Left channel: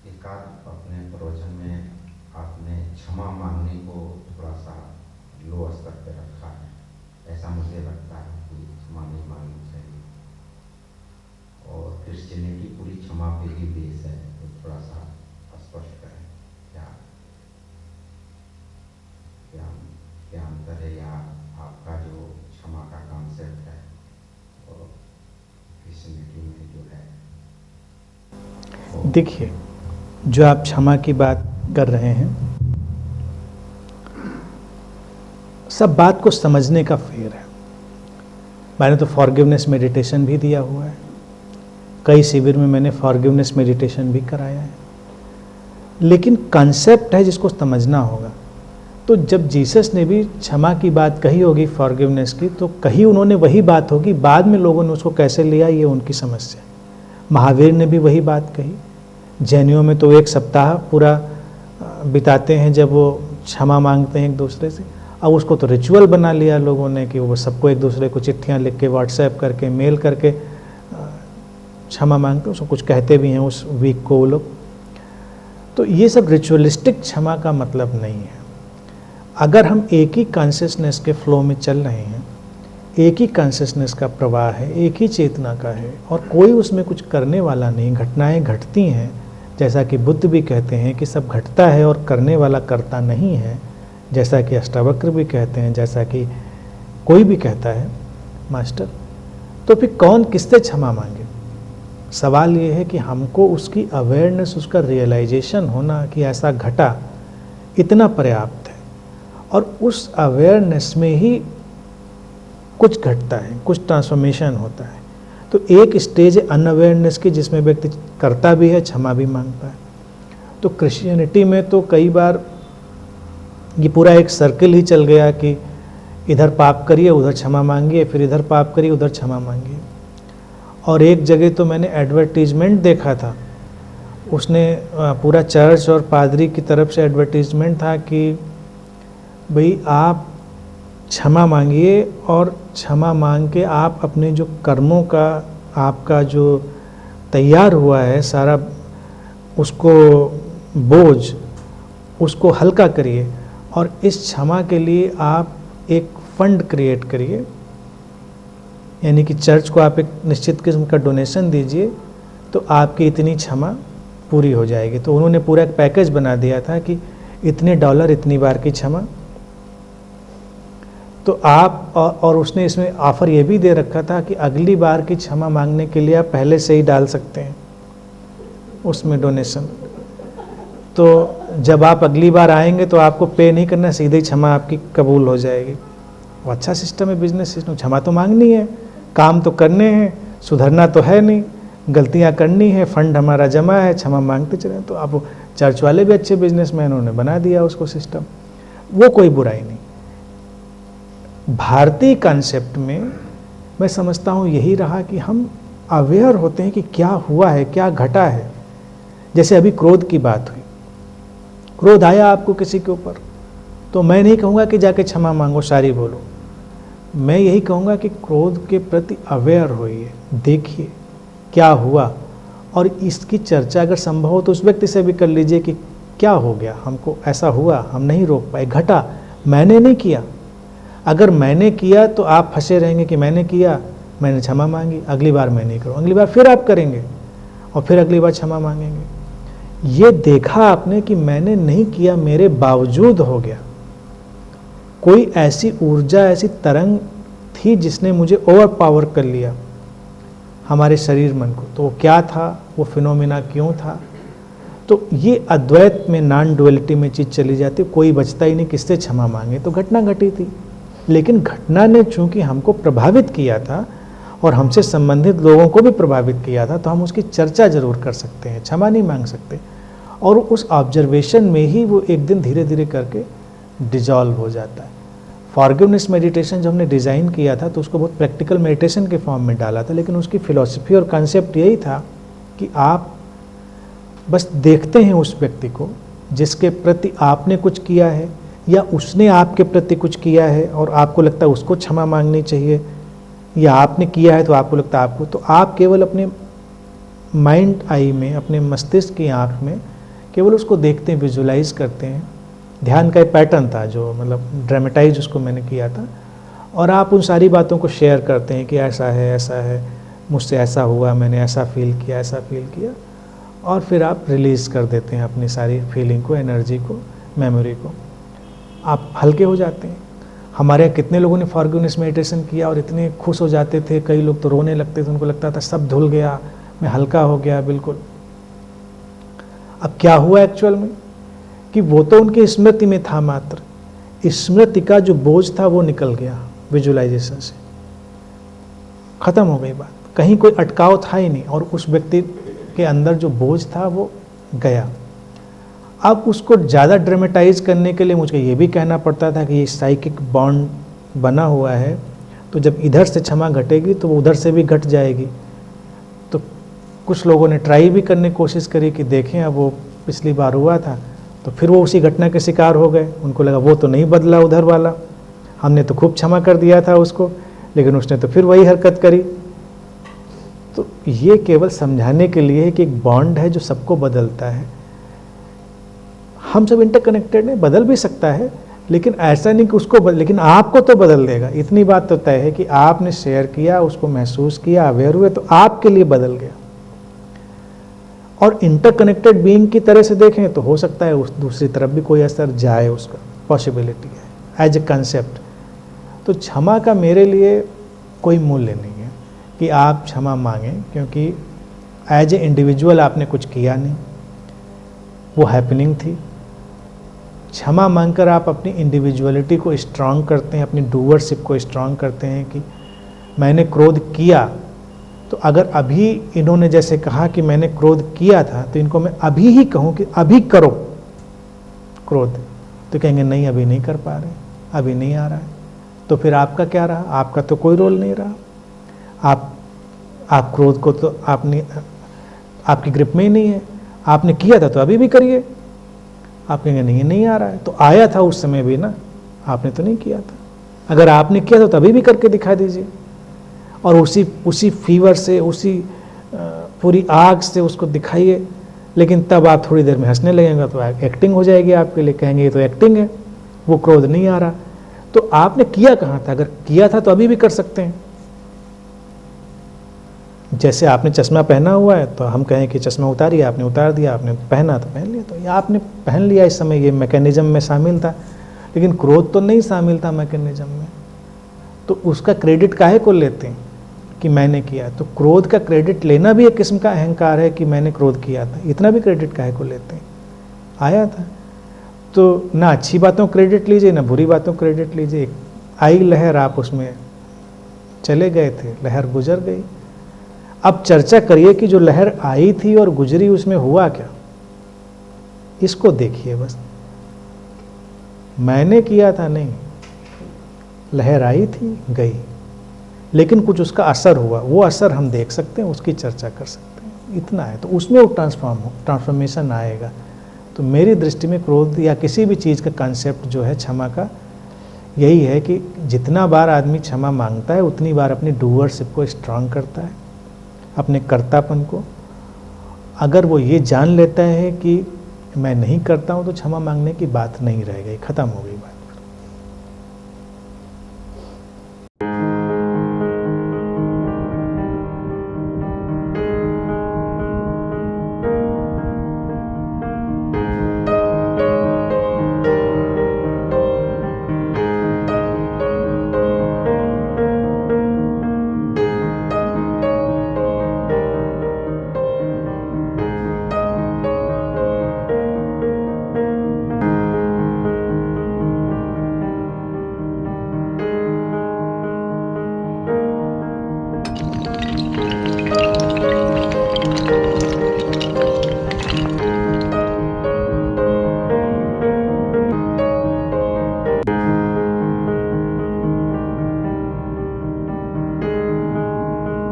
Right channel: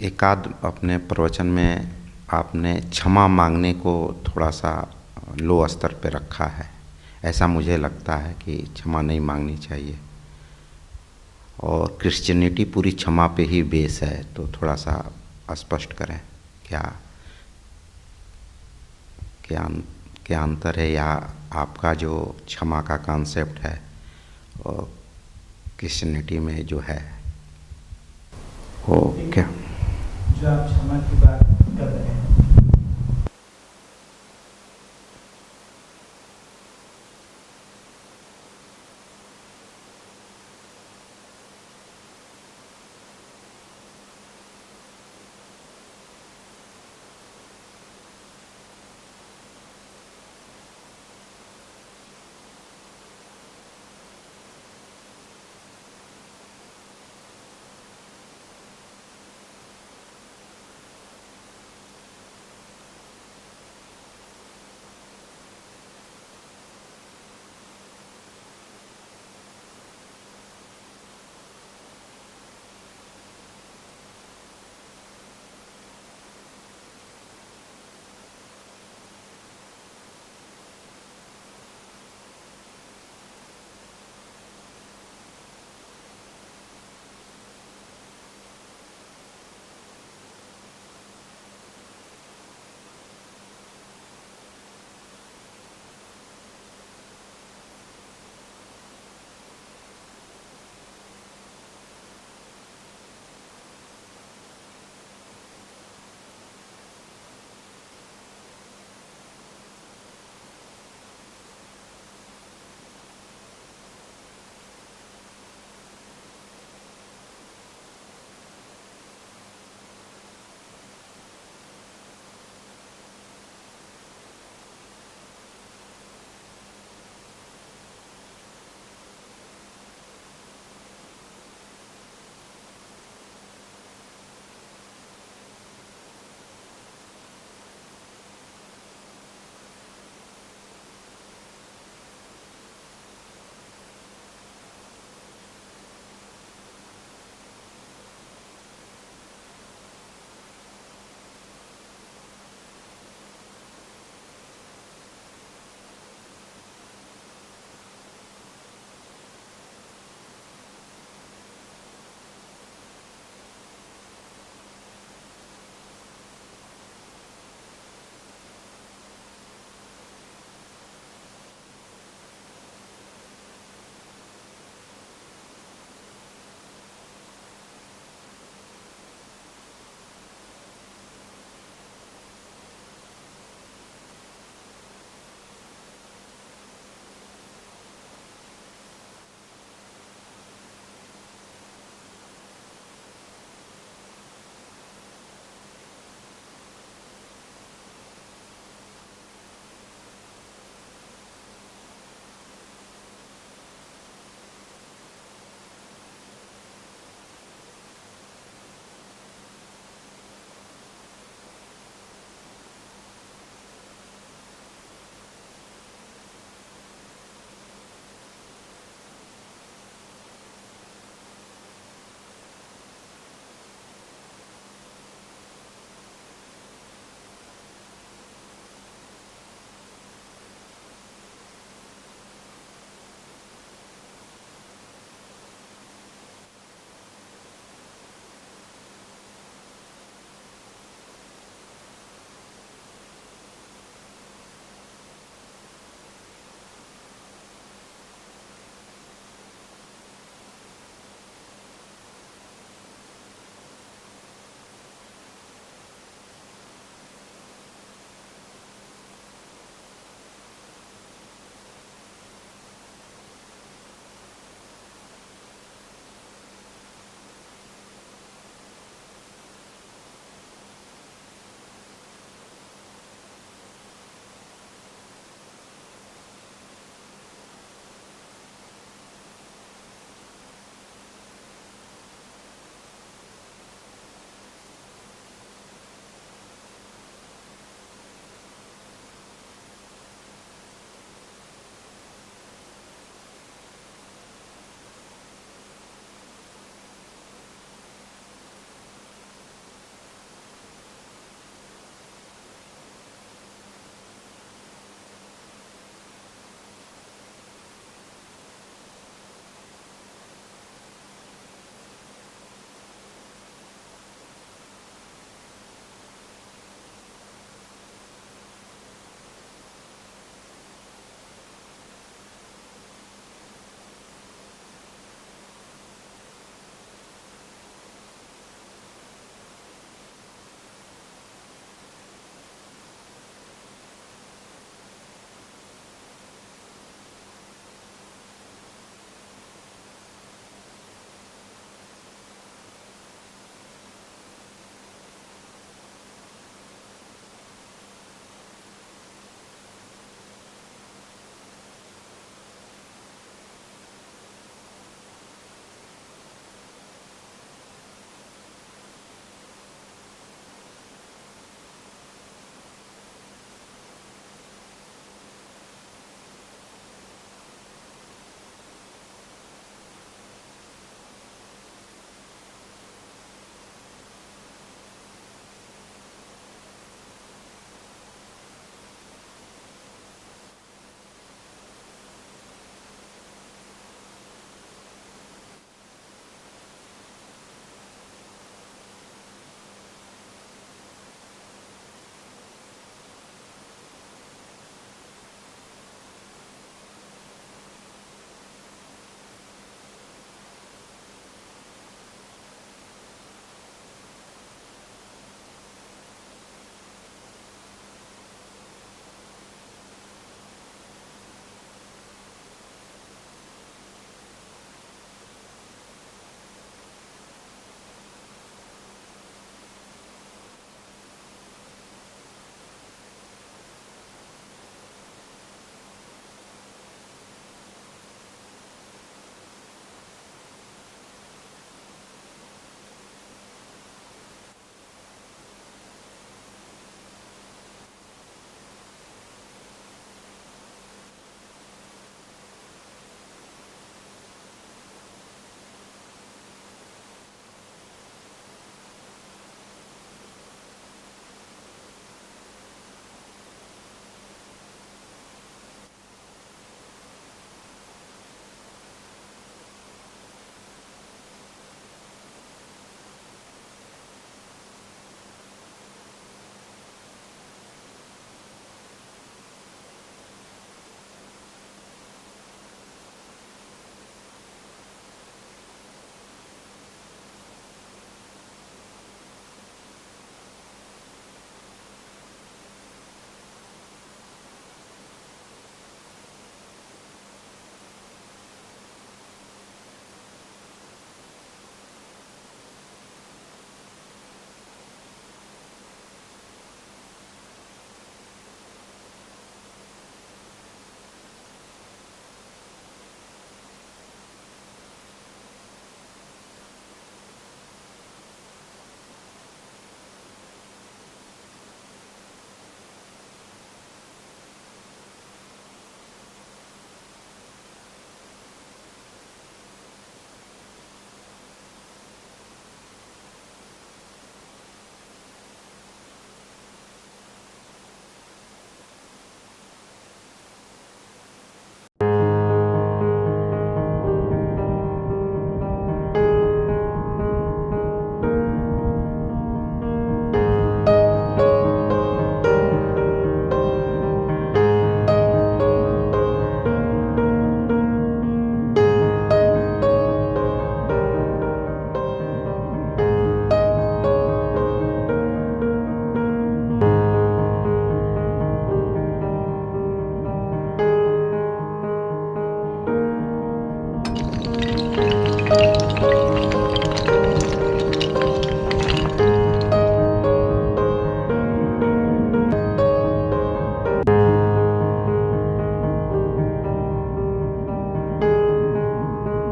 एकाध अपने प्रवचन में आपने क्षमा मांगने को थोड़ा सा लो स्तर पे रखा है। ऐसा मुझे लगता है कि क्षमा नहीं मांगनी चाहिए, और क्रिश्चियनिटी पूरी क्षमा पे ही बेस है। तो थोड़ा सा स्पष्ट करें, क्या क्या क्या अंतर है, या आपका जो क्षमा का कॉन्सेप्ट है और क्रिश्चियनिटी में जो है वो देखिए, जो आप क्षमा की बात कर रहे हैं, सब बात को समझने का फेर है। मैंने तो फॉरगिवनेस मेडिटेशन भी दिया हुआ है, कई शिविर में मैंने फॉरगिवनेस मेडिटेशन भी कराया है, लेकिन कॉन्सेप्ट है जिसको समझना होगा। तो जब जीसस ने भी क्षमा की बात कही होगी, फॉरगिवनेस की, तो कही उन्होंने वही बात होगी, बाद में लोगों ने उसको कैसे लिया ये उनकी समस्या है। महावीर ने भी वही बात कही। जैनियों में तो 1 सप्ताह पूरा बिताते हैं जब वो क्षमा मांगते हैं एक दूसरे से। अब उसको तो रिचुअल बना लिया लोगों ने कि वो सबको एक दूसरे को चिट्ठियाँ लिख के, व्हाट्सएप करके, मेल करके क्षमा मांगते हैं, उसको कुछ कहते भी हैं उस वीक को वो लोग। तो ये सब रिचुअलिस्टिक क्षमा का मतलब नहीं है। अगर हम एक ही कॉन्शियसनेस के फ्लो में चल रहे हैं, एक ही कॉन्शियसनेस का प्रवाह है, एक ही चेतना का है, और कोई उसमें कुछ करने वाला नहीं, घटनाएं घटती हैं, जैसा कि बुद्ध भी कहते हैं कि सब घटता है और करने वाला करता नहीं है, जैसा कि अष्टावक्र भी कहते हैं, जैसा कि कोई भी कहता है मास्टर। तो फिर कौन किससे क्षमा मांगे? सवाल ये है कि हमको उसकी अवेयरनेस, उसका रियलाइजेशन होना कि ऐसा घटा, इतना पर्याप्त है। और उस अवेयरनेस में ही कुछ घटता है, कुछ ट्रांसफॉर्मेशन होता है। तो एक स्टेज है अनअवेयरनेस की, जिसमें व्यक्ति करता भी है, क्षमा भी मांगता है। तो क्रिश्चियनिटी में तो कई बार ये पूरा एक सर्कल ही चल गया कि इधर पाप करिए, उधर क्षमा मांगिए, फिर इधर पाप करिए, उधर क्षमा मांगिए। और एक जगह तो मैंने एडवर्टीजमेंट देखा था, उसने पूरा चर्च और पादरी की तरफ से एडवर्टीजमेंट था कि भाई आप क्षमा मांगिए, और क्षमा मांग के आप अपने जो कर्मों का, आपका जो तैयार हुआ है सारा, उसको बोझ, उसको हल्का करिए, और इस क्षमा के लिए आप एक फंड क्रिएट करिए, यानी कि चर्च को आप एक निश्चित किस्म का डोनेशन दीजिए, तो आपकी इतनी क्षमा पूरी हो जाएगी। तो उन्होंने पूरा एक पैकेज बना दिया था कि इतने डॉलर इतनी बार की क्षमा। तो आप, और उसने इसमें ऑफ़र ये भी दे रखा था कि अगली बार की क्षमा मांगने के लिए आप पहले से ही डाल सकते हैं उसमें डोनेशन। तो जब आप अगली बार आएंगे तो आपको पे नहीं करना, सीधे ही क्षमा आपकी कबूल हो जाएगी। वो अच्छा सिस्टम है, बिजनेस सिस्टम। क्षमा तो मांगनी है, काम तो करने हैं, सुधरना तो है नहीं, गलतियां करनी है, फंड हमारा जमा है, क्षमा मांगते चले। तो अब चर्च वाले भी अच्छे बिजनेसमैन, उन्होंने बना दिया उसको सिस्टम, वो कोई बुराई नहीं। भारतीय कॉन्सेप्ट में मैं समझता हूँ यही रहा कि हम अवेयर होते हैं कि क्या हुआ है, क्या घटा है। जैसे अभी क्रोध की बात हुई, क्रोध आया आपको किसी के ऊपर, तो मैं नहीं कहूँगा कि जाके क्षमा मांगो, सारी बोलो। मैं यही कहूँगा कि क्रोध के प्रति अवेयर होइए, देखिए क्या हुआ, और इसकी चर्चा अगर संभव हो तो उस व्यक्ति से भी कर लीजिए कि क्या हो गया, हमको ऐसा हुआ, हम नहीं रोक पाए, घटा, मैंने नहीं किया। अगर मैंने किया तो आप फंसे रहेंगे कि मैंने किया, मैंने क्षमा मांगी, अगली बार मैं नहीं करूँ, अगली बार फिर आप करेंगे, और फिर अगली बार क्षमा मांगेंगे। ये देखा आपने कि मैंने नहीं किया, मेरे बावजूद हो गया। कोई ऐसी ऊर्जा, ऐसी तरंग थी जिसने मुझे ओवर पावर कर लिया, हमारे शरीर मन को। तो वो क्या था, वो फिनोमिना क्यों था? तो ये अद्वैत में, नॉन डुअलिटी में चीज़ चली जाती, कोई बचता ही नहीं किससे क्षमा मांगे। तो घटना घटी थी, लेकिन घटना ने चूंकि हमको प्रभावित किया था और हमसे संबंधित लोगों को भी प्रभावित किया था, तो हम उसकी चर्चा जरूर कर सकते हैं, क्षमा नहीं मांग सकते। और उस ऑब्जर्वेशन में ही वो एक दिन धीरे धीरे करके डिजॉल्व हो जाता है। फॉरगिवनेस मेडिटेशन जब हमने डिज़ाइन किया था तो उसको बहुत प्रैक्टिकल मेडिटेशन के फॉर्म में डाला था, लेकिन उसकी फिलॉसफी और कॉन्सेप्ट यही था कि आप बस देखते हैं उस व्यक्ति को जिसके प्रति आपने कुछ किया है, या उसने आपके प्रति कुछ किया है और आपको लगता है उसको क्षमा मांगनी चाहिए, या आपने किया है तो आपको लगता है आपको। तो आप केवल अपने माइंड आई में, अपने मस्तिष्क की आँख में केवल उसको देखते हैं, विजुलाइज करते हैं। ध्यान का एक पैटर्न था जो मतलब ड्रामेटाइज उसको मैंने किया था, और आप उन सारी बातों को शेयर करते हैं कि ऐसा है, मुझसे ऐसा हुआ, मैंने ऐसा फील किया, और फिर आप रिलीज़ कर देते हैं अपनी सारी फीलिंग को, एनर्जी को, मेमोरी को। आप हल्के हो जाते हैं। हमारे यहाँ कितने लोगों ने फॉरगिवनेस मेडिटेशन किया और इतने खुश हो जाते थे, कई लोग तो रोने लगते थे, उनको लगता था सब धुल गया, मैं हल्का हो गया बिल्कुल। अब क्या हुआ एक्चुअल में कि वो तो उनकी स्मृति में था मात्र, स्मृति का जो बोझ था वो निकल गया विजुलाइजेशन से, खत्म हो गई बात, कहीं कोई अटकाव था ही नहीं, और उस व्यक्ति के अंदर जो बोझ था वो गया। अब उसको ज़्यादा ड्रामेटाइज करने के लिए मुझे ये भी कहना पड़ता था कि ये साइकिक बॉन्ड बना हुआ है, तो जब इधर से क्षमा घटेगी तो वो उधर से भी घट जाएगी। तो कुछ लोगों ने ट्राई भी करने की कोशिश करी कि देखें अब वो पिछली बार हुआ था, तो फिर वो उसी घटना के शिकार हो गए। उनको लगा वो तो नहीं बदला उधर वाला, हमने तो खूब क्षमा कर दिया था उसको, लेकिन उसने तो फिर वही हरकत करी। तो ये केवल समझाने के लिए है कि एक बॉन्ड है जो सबको बदलता है। हम सब इंटरकनेक्टेड हैं, बदल भी सकता है, लेकिन ऐसा नहीं कि उसको लेकिन आपको तो बदल देगा। इतनी बात तो तय है कि आपने शेयर किया, उसको महसूस किया, अवेयर हुए, तो आपके लिए बदल गया। और इंटरकनेक्टेड बीइंग की तरह से देखें तो हो सकता है उस दूसरी तरफ भी कोई असर जाए, उसका पॉसिबिलिटी है एज ए कंसेप्ट। तो क्षमा का मेरे लिए कोई मूल्य नहीं है कि आप क्षमा मांगें, क्योंकि एज ए इंडिविजुअल आपने कुछ किया नहीं, वो हैपनिंग थी। क्षमा मांगकर आप अपनी इंडिविजुअलिटी को स्ट्रांग करते हैं, अपनी डूअरशिप को स्ट्रांग करते हैं कि मैंने क्रोध किया, तो अगर अभी इन्होंने जैसे कहा कि मैंने क्रोध किया था, तो इनको मैं अभी ही कहूँ कि अभी करो क्रोध, तो कहेंगे नहीं अभी नहीं कर पा रहे, अभी नहीं आ रहा है। तो फिर आपका क्या रहा? आपका तो कोई रोल नहीं रहा। आप क्रोध को तो आपकी ग्रिप में ही नहीं है। आपने किया था तो अभी भी करिए। आप कहेंगे नहीं आ रहा है, तो आया था उस समय भी ना, आपने तो नहीं किया था। अगर आपने किया था तो अभी भी करके दिखा दीजिए, और उसी फीवर से, उसी पूरी आग से उसको दिखाइए। लेकिन तब आप थोड़ी देर में हंसने लगेंगे तो एक्टिंग हो जाएगी आपके लिए, कहेंगे ये तो एक्टिंग है, वो क्रोध नहीं आ रहा। तो आपने किया कहाँ था? अगर किया था तो अभी भी कर सकते हैं। जैसे आपने चश्मा पहना हुआ है तो हम कहें कि चश्मा उतारिए, आपने उतार दिया, आपने पहना तो पहन लिया, तो ये आपने पहन लिया, इस समय ये मैकेनिज्म में शामिल था, लेकिन क्रोध तो नहीं शामिल था मैकेनिज्म में। तो उसका क्रेडिट काहे को लेते हैं कि मैंने किया? तो क्रोध का क्रेडिट लेना भी एक किस्म का अहंकार है कि मैंने क्रोध किया था, इतना भी क्रेडिट काहे को लेते हैं? आया था तो ना अच्छी बातों क्रेडिट लीजिए, ना बुरी बातों क्रेडिट लीजिए। आई लहर, आप उसमें चले गए थे, लहर गुजर गई। अब चर्चा करिए कि जो लहर आई थी और गुजरी उसमें हुआ क्या, इसको देखिए बस। मैंने किया था नहीं, लहर आई थी गई, लेकिन कुछ उसका असर हुआ, वो असर हम देख सकते हैं, उसकी चर्चा कर सकते हैं, इतना है। तो उसमें वो ट्रांसफॉर्मेशन आएगा। तो मेरी दृष्टि में क्रोध या किसी भी चीज़ का कंसेप्ट जो है क्षमा का, यही है कि जितना बार आदमी क्षमा मांगता है उतनी बार अपनी डूअरशिप को स्ट्रांग करता है, अपने कर्तापन को। अगर वो ये जान लेता है कि मैं नहीं करता हूँ, तो क्षमा मांगने की बात नहीं रह गई, ख़त्म हो गई बात।